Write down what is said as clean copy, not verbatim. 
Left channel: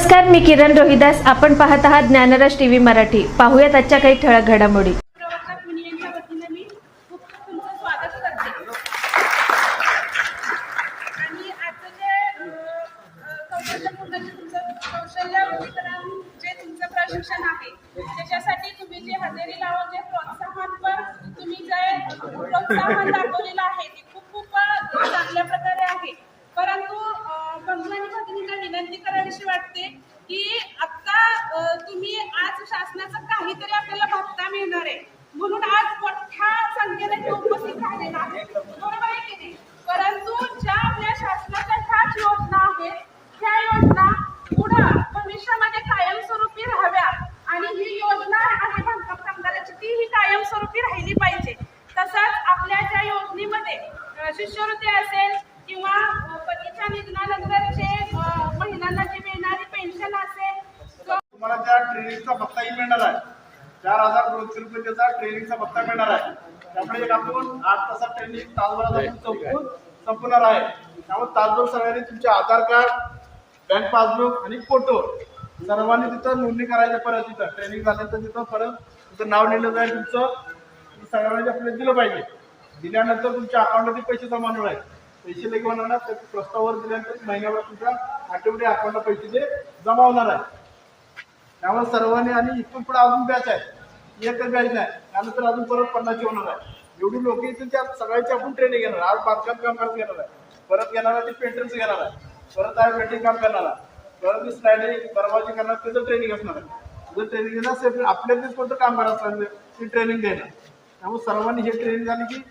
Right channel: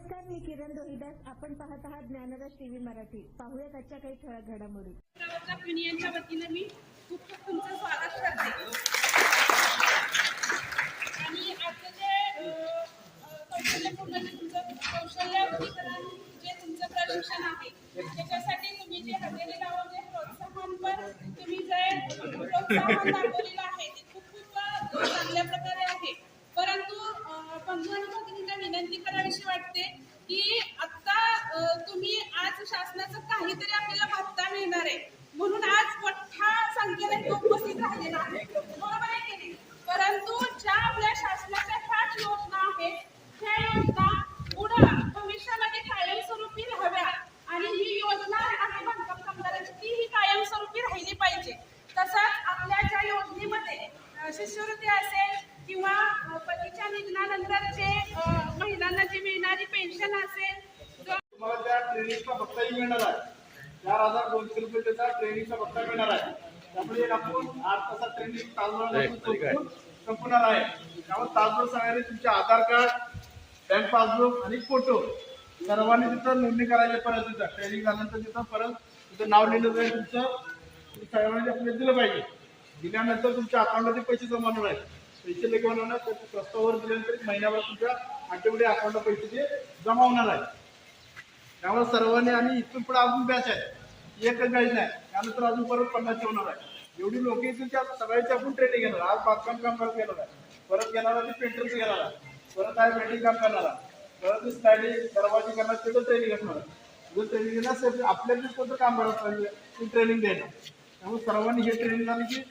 नमस्कार, मी किरण रोहिदास. आपण पाहत आहात ज्ञानराज टीव्ही मराठी. पाहूयात आजच्या काही ठळक घडामोडी. प्रवर्तक युनियनच्या वतीने मी खूप खूप तुमचं स्वागत करते. आणि आजचं जे कौशल्यपूर्ण जे तुमचं कौशल्य वृद्धीकरण जे तुमचं प्रशिक्षण आहे त्याच्यासाठी तुम्ही जे हजेरी लावून जे प्रोत्साहनपर तुम्ही जे प्रोत्साहन दाखवलेलं आहे ते खूप खूप चांगल्या प्रकारे आहे. परंतु बंधू आणि भगिनींना विनंती करावीशी वाटते की आता तुम्ही आज शासनाचं काहीतरी आपल्याला भत्ता मिळणार आहे म्हणून आज मोठ्या संख्येने हे उपस्थित राहिलेला आहे, बरोबर आहे की नाही? परंतु ज्या आपल्या शासनाच्या ह्याच योजना आहेत ह्या योजना पुढं भविष्यामध्ये कायमस्वरूपी राहाव्या आणि ही योजना आहे बांधकाम कामगाराची ती ही कायमस्वरूपी राहिली पाहिजे. तसंच आपल्या ज्या योजनेमध्ये शिष्यवृत्ती असेल किंवा पतीच्या निधनानंतर जे महिलांना जी मिळणारी पेन्शन असेल, तुम्हाला त्या ट्रेनिंगचा भत्ताही मिळणार आहे. 4,200 रुपये त्याचा ट्रेनिंगचा भत्ता मिळणार आहे. त्यामुळे एक आपण 8 तासात ट्रेनिंग तासभरात संपणार आहे. त्यामुळे तासभर सगळ्यांनी तुमचे आधार कार्ड, बँक पासबुक आणि फोटो सर्वांनी तिथं नोंदणी करायची. परत तिथं ट्रेनिंग झाल्यानंतर तिथं परत तिथं नाव लिहिलं जाईल. तुमचं सगळ्यांनी आपल्याला दिलं पाहिजे. दिल्यानंतर तुमच्या अकाउंटमध्ये पैसे जमा होणार आहेत. पैसे लगेच होणार त्या प्रस्तावावर दिल्यानंतर महिन्यावर तुमच्या आठवडे अकाउंटला पैसे ते जमा होणार आहे. त्यामुळे सर्वांनी आणि इथून पुढे अजून बॅच आहे, एकच बॅच नाही, त्यानंतर अजून परत 50 होणार आहे. एवढी लोक येतील त्या सगळ्याची आपण ट्रेनिंग घेणार. आज बांधकाम कामगार घेणार आहे, परत घेणार आहे ते पेंटरचं घेणार आहे, परत आहे वेल्डिंग काम करणार आहे, परत ती स्लायडिंग दरवाजे करणार त्याचं ट्रेनिंग असणार आहे. जर ट्रेनिंग घेणार असेल तर आपल्याला कोणतं कामगार असणार ती ट्रेनिंग देणार. त्यामुळे सर्वांनी हे ट्रेनिंग झाली की